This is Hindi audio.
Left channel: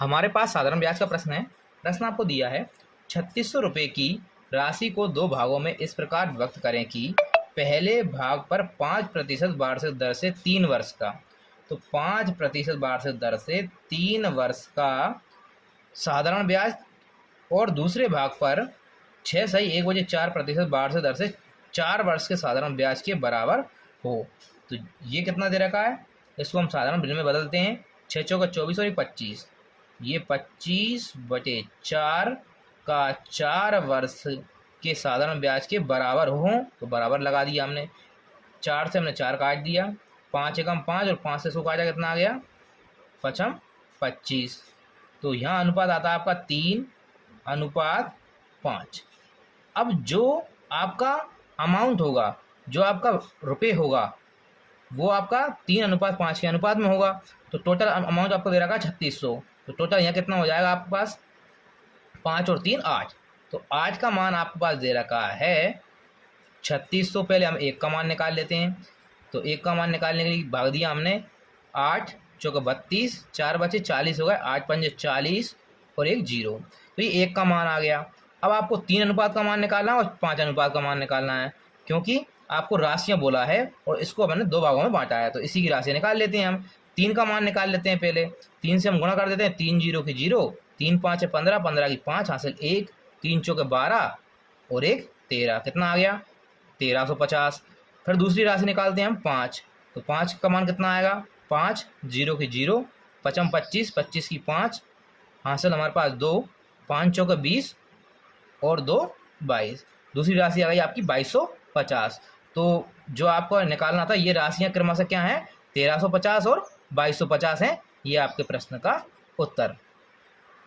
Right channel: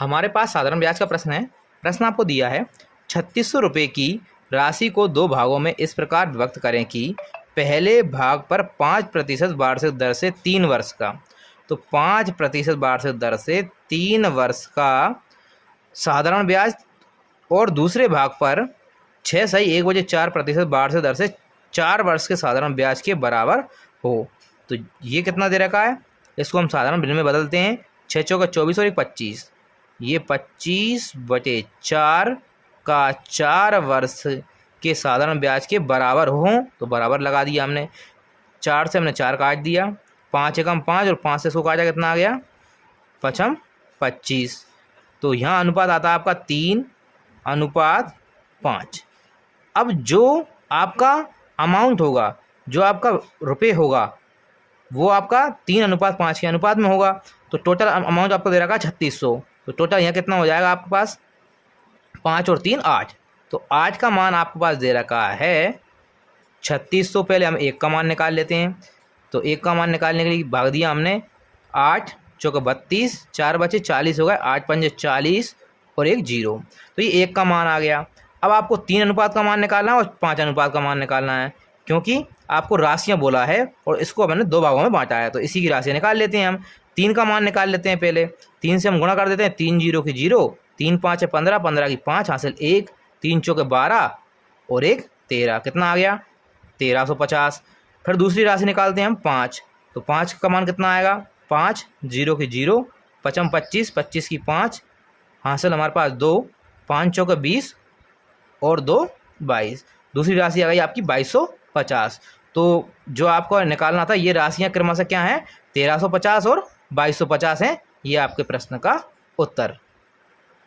हमारे पास साधारण ब्याज का प्रश्न है। प्रश्न आपको दिया है 3600 रुपये की राशि को दो भागों में इस प्रकार विभक्त करें कि पहले भाग पर 5% वार्षिक दर से 3 वर्ष का, तो 5% वार्षिक दर से 3 वर्ष का साधारण ब्याज और दूसरे भाग पर 6.1/4% वार्षिक दर से 4 वर्ष के साधारण ब्याज के बराबर हो। तो ये कितना दे रखा है, इसको हम साधारण बिल में बदलते हैं। 6 चौका 24 और 25, ये 25/4 का 4 वर्ष के साधारण ब्याज के बराबर हो, तो बराबर लगा दिया हमने। 4 से हमने 4 काट दिया, 5 एकम 5 और 5 से इसको काटा, कितना आ गया 5×25। तो यहाँ अनुपात आता है आपका 3:5। अब जो आपका अमाउंट होगा, जो आपका रुपये होगा, वो आपका 3:5 के अनुपात में होगा। तो टोटल अमाउंट आपको दे रखा है 3600। तो टोटल यहाँ कितना हो जाएगा आपके पास, 5 और 3 8। तो 8 का मान आपके पास दे रखा है 3600। पहले हम 1 का मान निकाल लेते हैं। तो 1 का मान निकालने के लिए भाग दिया हमने 8 चौका 32, 4 बचे 40 हो गए, 8 पंजे 40 और 1 0। तो ये 1 का मान आ गया। अब आपको 3 अनुपात का मान निकालना है और 5 अनुपात का मान निकालना है, क्योंकि आपको राशियां बोला है और इसको मैंने 2 भागों में बांटा है। तो इसी की राशियाँ निकाल लेते हैं हम। 3 का मान निकाल लेते हैं पहले। 3 से हम गुणा कर देते हैं, 3 0 की 0, 3 5 15, 15 की 5 हासिल 1, 3 चौके 12 और 1 13, कितना आ गया 1350। फिर दूसरी राशि निकालते हैं हम 5। तो 5 का मान कितना आएगा, 5 0 की 0, 5×25, 25 की 5 हासिल हमारे पास 2, 5 चौके 20 और 2 22। दूसरी राशि आ गई आपकी 2250। तो जो आपको निकालना था, ये राशियाँ क्रमशः क्या हैं, 1350 और 2250 हैं। ये आपके प्रश्न का उत्तर।